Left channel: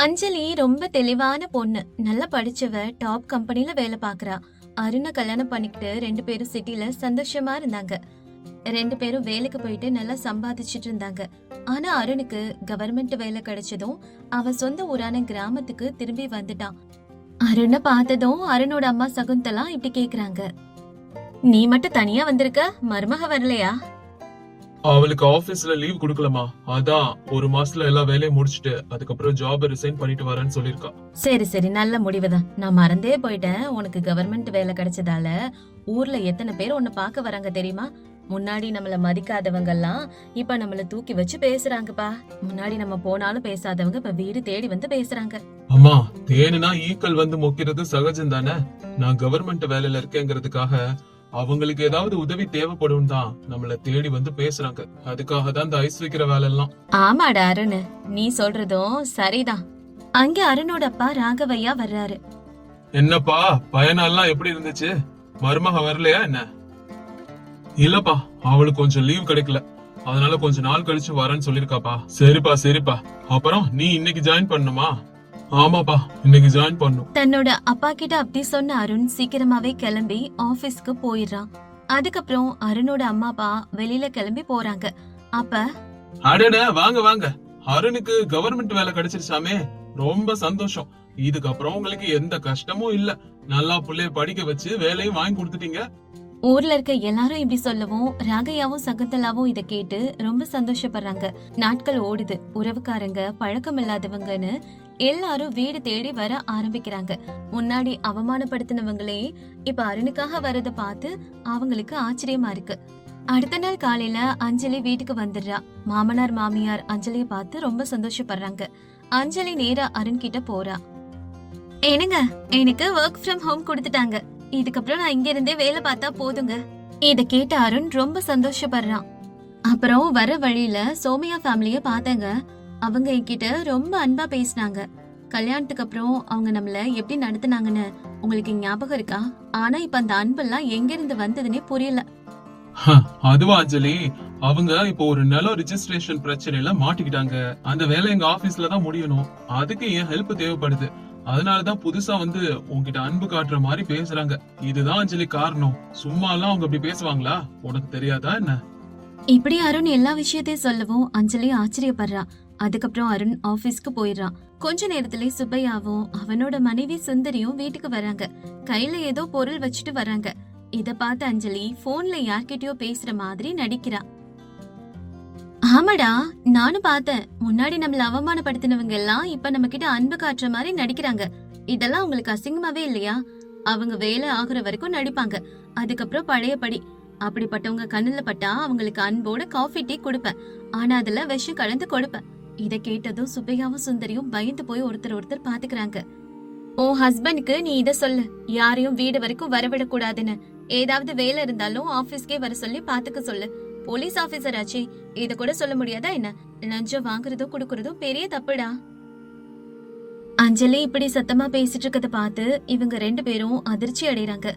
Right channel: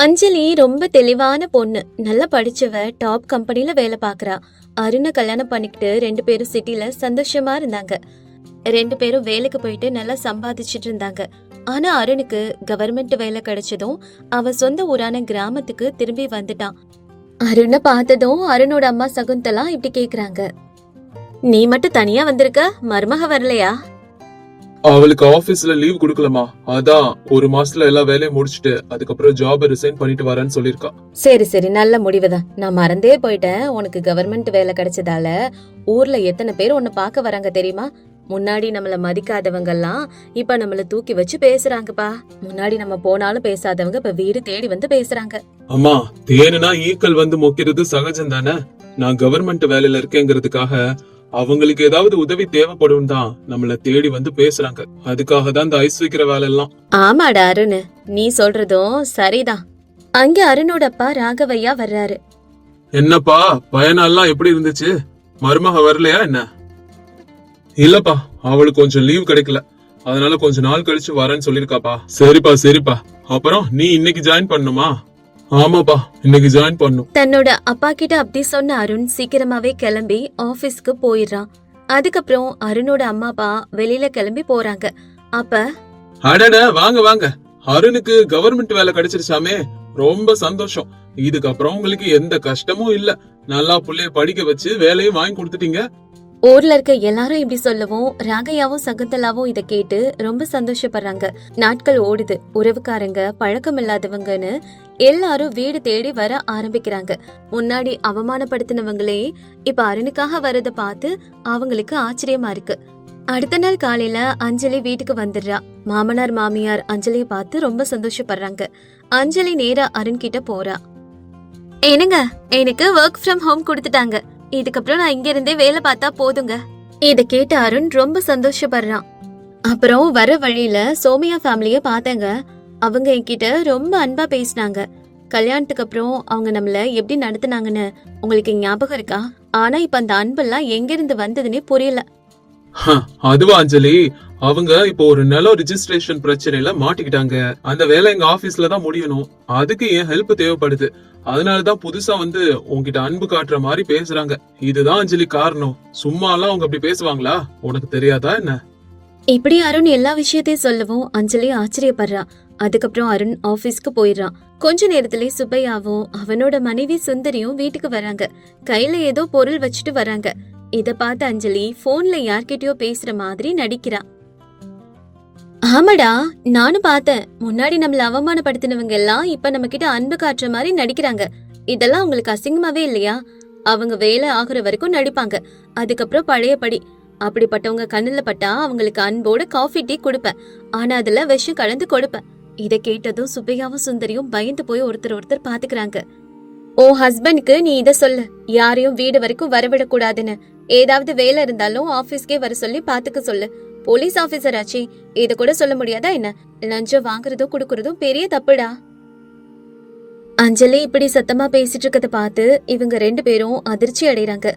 அஞ்சலி ரொம்ப தெளிவான பொண்ணு, நல்லா படிச்சவ, டாப் கம்பெனில வேலை பாக்குறா. அருணை கல்யாணம் பண்ணிக்கிட்டு 2 பேரும் சிட்டில சந்தோஷமா இருந்தாங்க. 2 பேரும் வேலைக்கு போயிட்டு நல்லா சம்பாதிச்சிட்டு இருந்தாங்க. ஆனா அருணுக்கு கவர்மெண்ட் வேலை கிடைச்சதும் அவ சொந்த ஊரான கிராமத்துக்கு திரும்பி வந்துட்டான். அருணை பார்த்ததும் அருணோட அம்மா சகுந்தலா இப்படி கேக்குறாங்க, நீ மட்டும் தனியா வந்திருக்க, மருமக வரலையா? அவளுக்கு ஆபீஸ்ல லீவ் குடுக்கலமா, அதான் ஒரு மாசத்துல எல்லா வேலையும் முடிச்சிட்டு அதுக்கப்புறம் ஜாப ரிசைன் பண்ணிட்டு வரேன்னு சொல்லிருக்கா. சரி சரி, நல்ல முடிவுதான். நான் மறந்தே போயிட்டேன், உனக்கு கவர்மெண்ட் வேலை கிடைச்சதால ஊர்ல எத்தனை பேர் உன்னை பார்க்க வராங்க தெரியுமா? முன்னாடி நம்மள மதிக்காதவங்க எல்லாம் இப்ப நம்மள தூக்கி வச்சு பேசுறாங்கப்பா. முன்னாடி நம்ம போனாலும் பேசாதவங்க இப்ப வீடு தேடி வந்து பேசுறாங்க. அம்மா, தேனுனா ஈக்கள் வந்து மொக்கிறது சகஜம் தானே. நான் கவர்மெண்ட் வேலையில இருக்கேங்கிறதுக்காக அவங்களுக்கு ஏதாவது உதவி தேவைப்படும் தான் நம்மள தேடி வந்து பேசுறாங்க. அதுக்காக தான் இந்த ஐஸ் வைக்கிற வேலை எல்லாம். ஆமாடா அருண், நீ சொல்றதும் சரிதான். அங்க அருணோட அப்பா ராகவையா வர்றாரு. என்னப்பா, பயணம்லாம் எப்படி இருந்துச்சு? மருமக வரலையா என்ன? இல்லப்பா, அவளுக்கு கொஞ்சம் லீவ் கிடைக்கல, அதனால கொஞ்ச நாள் கழிச்சு வரேன்னு சொல்லிருக்காப்பா. சரிப்பா சரிப்பா. அப்புறம் நீ இன்னைக்கு ஜாயின் பண்ணுமா? ஆமாப்பா, இன்னைக்கு ஜாயின் பண்ணும். தன்னோட அப்பா கிட்ட அப்படி சொன்ன அருண் சீக்கிரமாவே கிளம்பி ஆபீஸ்க்கு போயிடுறான். அதுக்கப்புறம் அருணோட அம்மா அப்பா வெளியில கிளம்பி போறாங்க. அப்ப அடட, வாங்க வாங்க, அருணுக்கு கவர்மெண்ட் வேலை கிடைச்சிருச்சாமே, ரொம்ப சந்தோஷம். இதுக்கப்புறம் உங்களுக்கு எந்த கஷ்டமும் இல்ல. நல்லா புள்ளைய படிக்க வச்சு வேலையும் வாங்கி கொடுத்துட்டீங்க. ஊர்ல இருக்க எல்லாரும் இப்படி சொல்லவும் ராகையாவும் சகுந்தலாவும் இத கேட்டு ரொம்ப சந்தோஷப்படுறாங்க. நாட்கள் ஓடுது. உறவுக்காரங்க, பழக்கம் இல்லாதவங்கன்னு எல்லாரும் வீடு தேடி வர ஆரம்பிக்கிறாங்க. முன்னாடி அவமானப்படுத்தினவங்களே இப்ப அருணுக்காக வரத பார்த்து அவங்களுக்கு ஆச்சரியமா இருக்கு. அடுத்த நாள் காலையில அஞ்சலி வீட்டுக்கு வந்துடுறா. மாமனார் மாமியார் அஞ்சலிய பார்த்து ரொம்ப சந்தோஷப்படுறாங்க. அஞ்சலி நேரா அருண் கிட்ட போறா. என்னங்க, எனக்கு ஒர்க் ஃப்ரம் ஹோம் கொடுத்துட்டாங்க. இதுக்கப்புறம் நான் இங்க இருந்தே வேலை பார்த்தா போதுங்க. இத கேட்ட அருண் ரொம்ப சந்தோஷப்படுறான். அப்புறம் வர வழியில சோமியா ஃபேமிலிய பார்த்தேங்க. அவங்க என்கிட்ட ரொம்ப அன்பா பேசினாங்க. கல்யாணத்துக்கு அப்புறம் அவங்க நம்மள எப்படி நடத்துனாங்கன்னு உங்களுக்கு ஞாபகம் இருக்கா? ஆனா இப்ப அந்த அன்பெல்லாம் எங்க இருந்து வந்ததுன்னே புரியல. அதுவா அஞ்சலி, அவங்க இப்போ ஒரு நிலம் ரிஜிஸ்ட்ரேஷன் பிரச்சனையில மாட்டிக்கிட்டாங்க. அந்த வேலை எங்க ஆபீஸ்ல தான் முடியணும். அதுக்கு என் ஹெல்ப் தேவைப்படுது. அதனாலதான் புதுசா வந்து உன்கிட்ட அன்பு காட்டுற மாதிரி பேசுறாங்க. இதுதான் அஞ்சலி காரணம். சும்மா எல்லாம் அவங்க அப்படி பேசுவாங்களா? உனக்கு தெரியாதா என்ன? இப்படி அருண் எல்லா விஷயத்தையும் சொல்லவும் அஞ்சலி ஆச்சரியப்படுறா. அதுக்கப்புறம் அருண் ஆபீஸ்க்கு போயிடுறான். கொஞ்ச நேரத்திலே சுப்பையாவும் அவனோட மனைவி சுந்தரியும் வீட்டுக்கு வராங்க. கையில ஏதோ பொருள் வச்சுட்டு வராங்க. இத பார்த்து அஞ்சலி போன்ல யார்கிட்டயோ பேசுற மாதிரி நடிக்கிறா. ஆமாடா, நானும் பார்த்தேன். முன்னாடி நம்மள அவமானப்படுத்தினவங்க எல்லாம் இப்ப நம்ம கிட்ட அன்பு காட்டுற மாதிரி நடிக்கிறாங்க. இதெல்லாம் உங்களுக்கு அசிங்கமாவே இல்லையா? அவங்க வேலை ஆகுற வரைக்கும் நடிப்பாங்க, அதுக்கப்புறம் பழையபடி. அப்படிப்பட்டவங்க கண்ணுல பட்டா அவங்களுக்கு அன்போட காஃபி டீ கொடுப்பேன், ஆனா அதுல விஷம் கலந்து கொடுப்பேன். இத கேட்டதும் சுப்பையாவும் சுந்தரியும் பயந்து போய் ஒருத்தர் பாத்துக்கிறாங்க. ஓ ஹஸ்பண்ட்க்கு நீ இத சொல்லு, யாரையும் வீடு வரைக்கும் வரவிடக்கூடாதுன்னு. ஏதாவது வேலை இருந்தாலும் ஆபீஸ்க்கே வர சொல்லி பாத்துக்க சொல்லு. போலீஸ் ஆபீசர் ஆச்சு, இத கூட சொல்ல முடியாதா என்ன? லஞ்சம் வாங்குறதும் குடுக்கறதும் பெரிய தப்புடா. அஞ்சலி இப்படி சத்தமா பேசிட்டு இருக்கத பார்த்து இவங்க 2 பேரும் அதிர்ச்சி அடைறாங்க.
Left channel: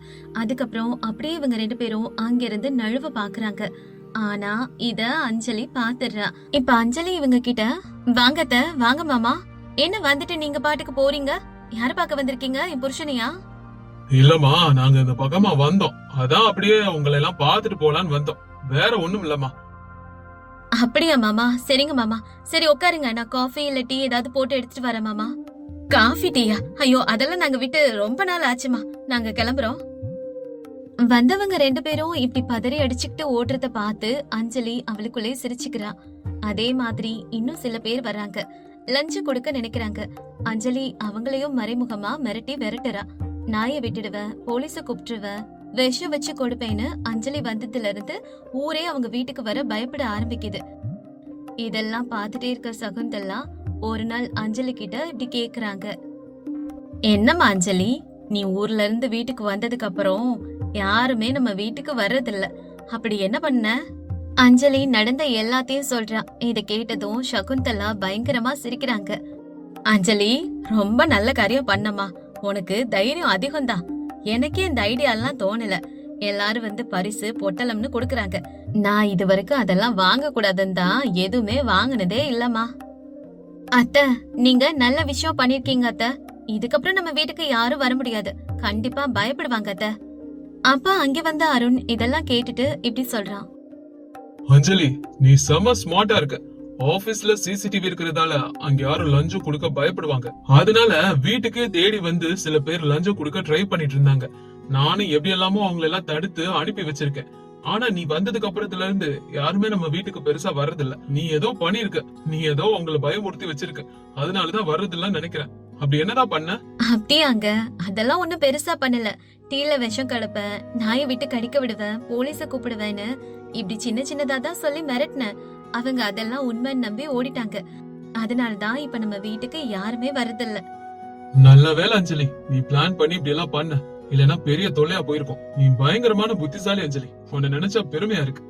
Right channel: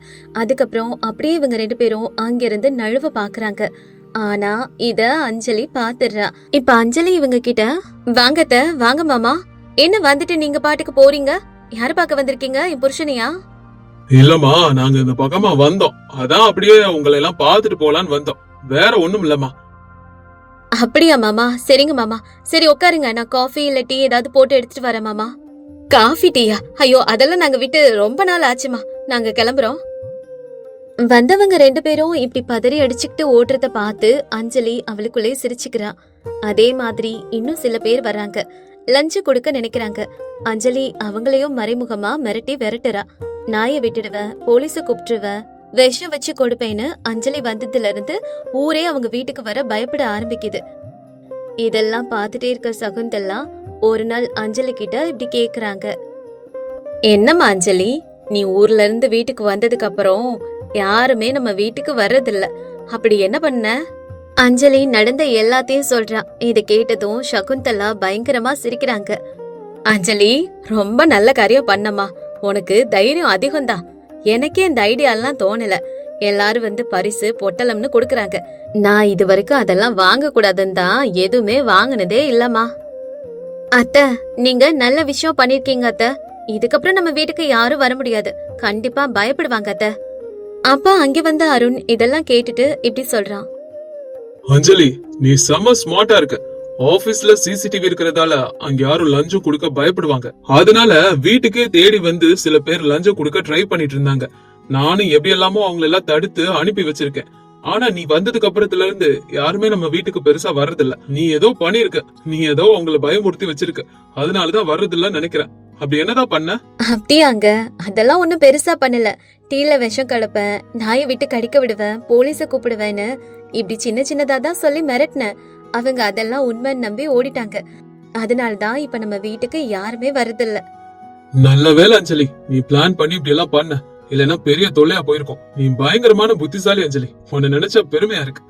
அதுக்கப்புறம் அப்படியே இவங்க 2 பேரும் அங்கிருந்து நழுவ பாக்குறாங்க. ஆனா இத அஞ்சலி பாத்துடுறா. இப்ப அஞ்சலி இவங்க கிட்ட, வாங்கத்த, வாங்க மாமா. என்ன வந்துட்டு நீங்க பாட்டுக்கு போறீங்க? யார பாக்க வந்திருக்கீங்க? என் புருஷனையா? இல்லம்மா, நாங்க இந்த பக்கமா வந்தோம், அதான் அப்படியே உங்களை எல்லாம் பாத்துட்டு போலான்னு வந்தோம். வேற ஒண்ணும் இல்லம்மா. அப்படியா மாமா? சரிங்க மாமா. சரி உட்காருங்க, நான் காஃபி இல்ல டீ ஏதாவது போட்டு எடுத்துட்டு வரேன் மாமா. காஃபி டீயா? ஐயோ, அதெல்லாம் நாங்க விட்டு ரொம்ப நாள் ஆச்சுமா. நாங்க கிளம்புறோம். வந்தவங்க 2 பேரும் இப்படி பதறி அடிச்சுக்கிட்டு ஓடுறத பார்த்து அஞ்சலி அவளுக்குள்ளே சிரிச்சுக்கிறா. அதே மாதிரி இன்னும் சில பேர் வராங்க. லஞ்சு கொடுக்க நினைக்கிறாங்க. அஞ்சலி அவங்களையும் மறைமுகமா மிரட்டி விரட்டுறா. நாயை விட்டுடுவேன், போலீஸ கூப்பிட்டுருவேன், விஷம் வச்சு கொடுப்பேன்னு அஞ்சலி வந்ததுல இருந்து ஊரே அவங்க வீட்டுக்கு வர பயப்பட ஆரம்பிக்குது. இதெல்லாம் பார்த்துட்டே இருக்க சகுந்தலா ஒரு நாள் அஞ்சலி கிட்ட இப்படி கேக்குறாங்க, என்னம்மா அஞ்சலி, நீ ஊர்ல இருந்து வீட்டுக்கு வந்ததுக்கு அப்புறம் யாருமே நம்ம வீட்டுக்கு வர்றதில்ல, அப்படி என்ன பண்ண? அஞ்சலி நடந்த எல்லாத்தையும் சொல்றா. இத கேட்டதும் சகுந்தலா பயங்கரமா சிரிக்கிறாங்க. அஞ்சலி, ரொம்ப நல்ல காரியம் பண்ணம்மா. உனக்கு தைரியம் அதிகம்தான். எனக்கே இந்த ஐடியா எல்லாம் தோணல. எல்லாரும் வந்து பரிசு பொட்டலம்னு கொடுக்கறாங்க. நான் இது வரைக்கும் அதெல்லாம் வாங்க கூடாதுன்னு தான் எதுவுமே வாங்கினதே இல்லம்மா. அத்தை, நீங்க நல்ல விஷயம் பண்ணிருக்கீங்க அத்தை. இதுக்கப்புறம் நம்ம வீட்டுக்கு யாரும் வர முடியாது. கண்டிப்பா பயப்படுவாங்க அத்தை. அப்பா அங்க வந்த அருண் இதெல்லாம் கேட்டுட்டு இப்படி சொல்றான். அஞ்சலி, நீ செம ஸ்மார்ட்டா இருக்க. ஆபீஸ்ல சிசிடிவி இருக்கிறதால அங்க யாரும் லஞ்சம் கொடுக்க பயப்படுவாங்க. அதனால வீட்டுக்கே தேடி வந்து சில பேர் லஞ்சம் கொடுக்க ட்ரை பண்ணிட்டு இருந்தாங்க. நானும் எப்படி எல்லாமோ அவங்கள எல்லாம் தடுத்து அனுப்பி வச்சிருக்கேன். ஆனா நீ வந்ததுக்கு அப்புறத்துல இருந்து யாருமே நம்ம வீட்டுக்கு பெருசா வர்றதில்ல. நீ ஏதோ பண்ணிருக்க, நீ ஏதோ அவங்கள பயமுறுத்தி வச்சிருக்க, அதனாலதான் வர்றதில்லன்னு நினைக்கிறேன். அப்படி என்னதான் பண்ண? அப்படியாங்க? அதெல்லாம் ஒண்ணும் பெருசா பண்ணல. டீல விஷம் கலப்பேன், நாயை விட்டு கடிக்க விடுவேன், போலீஸ கூப்பிடுவேன்னு இப்படி சின்ன சின்னதா தான் சொல்லி மிரட்டினேன். அவங்க அதெல்லாம் உண்மைன்னு நம்பி ஓடிட்டாங்க. அதனாலதான் இப்ப நம்ம வீட்டுக்கு யாருமே வரதில்ல. நல்ல வேளை அஞ்சலி, நீ பிளான் பண்ணி இப்படி எல்லாம் பண்ண. இல்லனா பெரிய தொல்லையா போயிருக்கும். நீ பயங்கரமான புத்திசாலி அஞ்சலி. உன்னை நினைச்சா பெருமையா இருக்கு.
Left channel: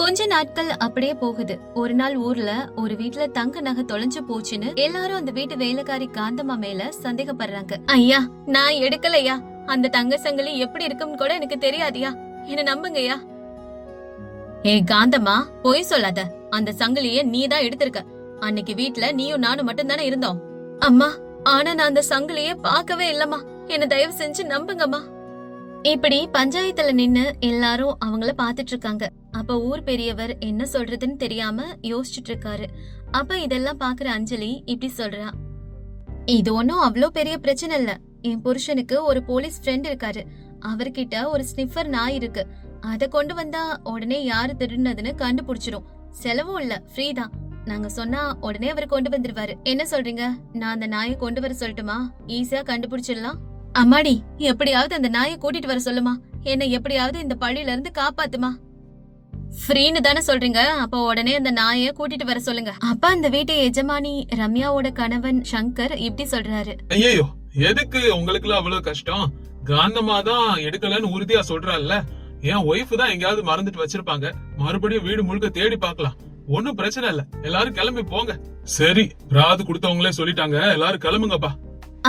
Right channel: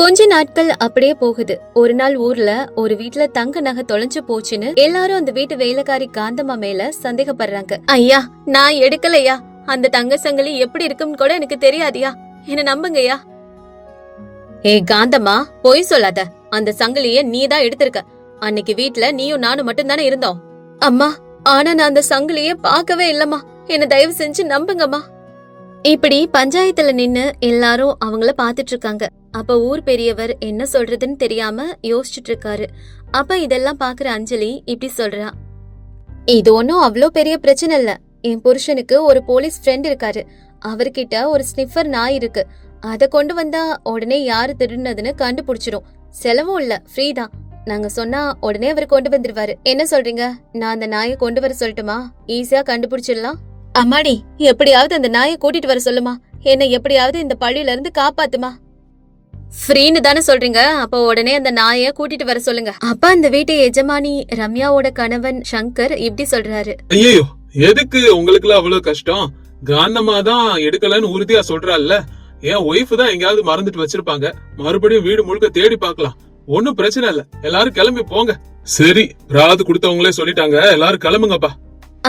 கொஞ்ச நாட்கள் அப்படியே போகுது. ஒரு நாள் ஊர்ல ஒரு வீட்ல தங்க நகை தொலைஞ்சு போச்சுன்னு எல்லாரும் அந்த வீட்டு வேலைக்காரி காந்தம்மா மேல சந்தேகப்படுறாங்க. ஐயா, நான் எடுக்கலையா. அந்த தங்க சங்கிலி எப்படி இருக்குன்னு கூட எனக்கு தெரியாதியா. என்ன நம்புங்கய்யா. ஏய் காந்தம்மா, பொய் சொல்லாத. அந்த சங்கிலிய நீதான் எடுத்திருக்க. அன்னைக்கு வீட்ல நீயும் நானும் மட்டும் தானே இருந்தோம். அம்மா, ஆனா நான் அந்த சங்கிலிய பார்க்கவே இல்லம்மா. என்ன தயவு செஞ்சு நம்புங்கம்மா. இப்படி பஞ்சாயத்துல நின்னு எல்லாரும் அவங்கள பாத்துட்டு இருக்காங்க. அப்ப ஊர் பெரியவர் என்ன சொல்றதுன்னு தெரியாம யோசிச்சுட்டு இருக்காரு. அப்ப இதெல்லாம் பாக்குற அஞ்சலி இப்படி சொல்றா. இது ஒன்னும் அவ்வளோ பெரிய பிரச்சனை இல்ல. என் புருஷனுக்கு ஒரு போலீஸ் ஃப்ரெண்ட் இருக்காரு. அவர்கிட்ட ஒரு ஸ்னிஃபர் நாய் இருக்கு. அத கொண்டு வந்தா உடனே யாரு திருடுனதுன்னு கண்டுபிடிச்சிரும். செலவும் இல்ல, ஃப்ரீ தான். நாங்க சொன்னா உடனே அவர் கொண்டு வந்துருவாரு. என்ன சொல்றீங்க? நான் அந்த நாயை கொண்டு வர சொல்லட்டுமா? ஈஸியா கண்டுபிடிச்சிடலாம். அம்மாடி, எப்படியாவது அந்த நாயை கூட்டிட்டு வர சொல்லுமா. என்ன எப்படியாவது இந்த பழியில இருந்து காப்பாத்துமா. ஃப்ரீன்னு தானே சொல்றீங்க? அப்ப உடனே அந்த நாயை கூட்டிட்டு வர சொல்லுங்க. அப்ப அந்த வீட்டு எஜமானி ரம்யாவோட கணவன் சங்கர் இப்படி சொல்றாரு. ஐயோ, எதுக்கு உங்களுக்கு அவ்வளவு கஷ்டம்? காந்தம்மா தான் எடுக்கலன்னு உறுதியா சொல்றாள்ல. என் ஒய்ஃப் தான் எங்கயாவது மறந்துட்டு வச்சிருப்பாங்க. மறுபடியும் வீடு முழுக்க தேடி பார்க்கலாம். ஒன்னும் பிரச்சனை இல்ல. எல்லாரும் கிளம்பி போங்க. சரி, ராது கொடுத்தவங்களே சொல்லிட்டாங்க, எல்லாரும் கிளம்புங்கப்பா.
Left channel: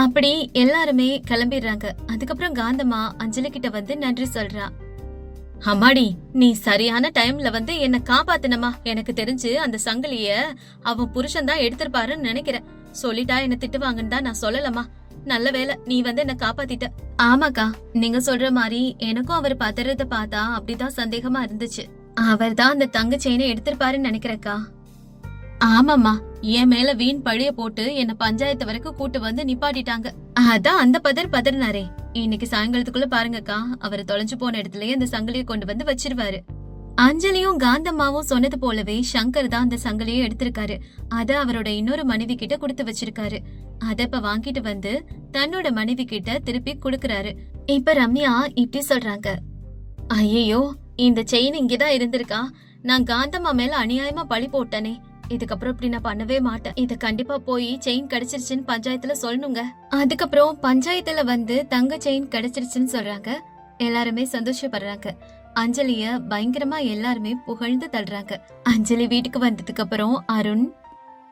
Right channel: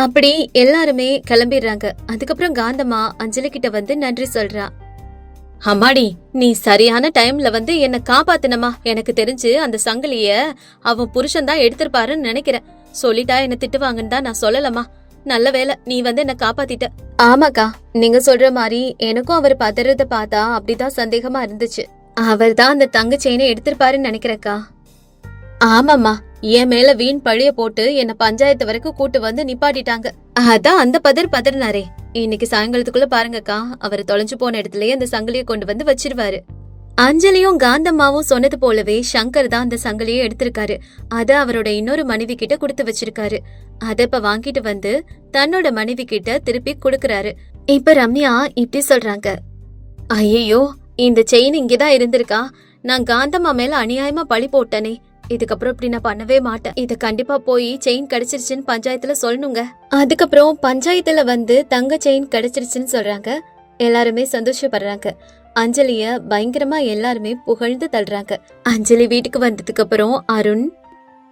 அப்படி எல்லாருமே கிளம்பிடுறாங்க. அதுக்கப்புறம் காந்தம்மா அஞ்சலி கிட்ட வந்து நன்றி சொல்றா. அம்மாடி, நீ சரியான டைம்ல வந்து என்ன காப்பாத்தினமா. எனக்கு தெரிஞ்சு அந்த சங்கிலிய அவன் புருஷன் தான் எடுத்திருப்பாருன்னு நினைக்கிறேன். சொல்லிட்டா என்ன திட்டுவாங்கன்னு தான் நான் சொல்லலமா. நல்ல வேலை நீ வந்து என்ன காப்பாத்திட்ட. ஆமாக்கா, நீங்க சொல்ற மாதிரி எனக்கும் அவர் பதறத பார்த்தா அப்படிதான் சந்தேகமா இருந்துச்சு. அவர் தான் அந்த தங்க செயினை எடுத்திருப்பாருன்னு நினைக்கிறேக்கா. ஆமாமா, என் மேல வீண் பழிய போட்டு என்ன பஞ்சாயத்து வரைக்கும் கூட்டு வந்து நிப்பாட்டிட்டாங்க. அதான் அந்த பதறினாரே. இன்னைக்கு சாயங்காலத்துக்குள்ள பாருங்கக்கா, அவர் தொலைஞ்சு போன இடத்துலயே அந்த சங்கிலிய கொண்டு வந்து வச்சிருவாரு. அஞ்சலியும் காந்தம்மாவும் சொன்னது போலவே சங்கர் தான் அந்த சங்கிலியை எடுத்திருக்காரு. அத அவரோட இன்னொரு மனைவி கிட்ட கொடுத்து வச்சிருக்காரு. அத இப்ப வாங்கிட்டு வந்து தன்னோட மனைவி கிட்ட திருப்பி கொடுக்கறாரு. இப்ப ரம்யா இப்படி சொல்றாங்க. ஐயோ, இந்த செயின் இங்கதான் இருந்திருக்கா. நான் காந்தம்மா மேல அநியாயமா பழி போட்டனே. இதுக்கப்புறம் இப்படி நான் பண்ணவே மாட்டேன். இது கண்டிப்பா போய் செயின் கிடைச்சிருச்சுன்னு பஞ்சாயத்துல சொல்லணுங்க. அதுக்கப்புறம் பஞ்சாயத்துல வந்து தங்க செயின் கிடைச்சிருச்சுன்னு சொல்றாங்க. எல்லாருமே சந்தோஷப்படுறாங்க. அஞ்சலிய பயங்கரமா எல்லாருமே புகழ்ந்து தள்ளுறாங்க. அஞ்சலி வீட்டுக்கு வந்ததுக்கு அப்புறம் அருண்,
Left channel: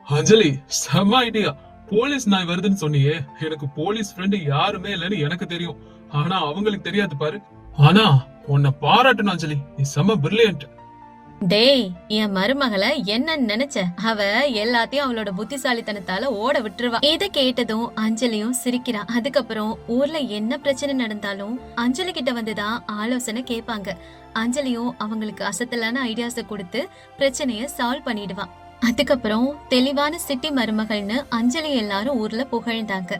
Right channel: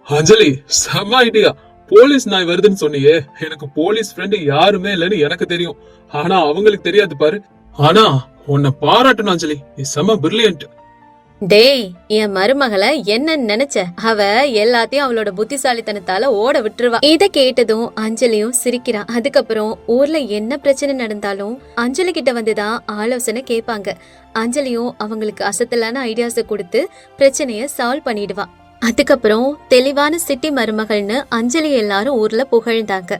அஞ்சலி செம ஐடியா. போலீஸ் நாய் வருதுன்னு சொன்னியே, எனக்கு போலீஸ் ஃப்ரெண்ட் யாருமே இல்லன்னு எனக்கு தெரியும். ஆனா அவங்களுக்கு தெரியாது பாரு. ஆனா உன்னை பாராட்டணும் அஞ்சலி, நீ செம பிரில்லியன்ட். டேய், என் மருமகளை என்ன நினைச்ச? அவ எல்லாத்தையும் அவளோட புத்திசாலித்தனத்தால ஓட விட்டுருவா. இத கேட்டதும் அஞ்சலியும் சிரிக்கிறா. அதுக்கப்புறம் ஊர்ல என்ன பிரச்சனை நடந்தாலும் அஞ்சலி கிட்ட வந்துதான் ஆலோசனை கேட்பாங்க. அஞ்சலியும் அவங்களுக்கு அசத்தலான ஐடியாஸ கொடுத்து பிரச்சனைய சால்வ் பண்ணிடுவா. அதுக்கப்புறம் தெளிவான சிட்டி மருமகள்னு அஞ்சலி எல்லாரும் ஊர்ல புகழ்ந்தாங்க.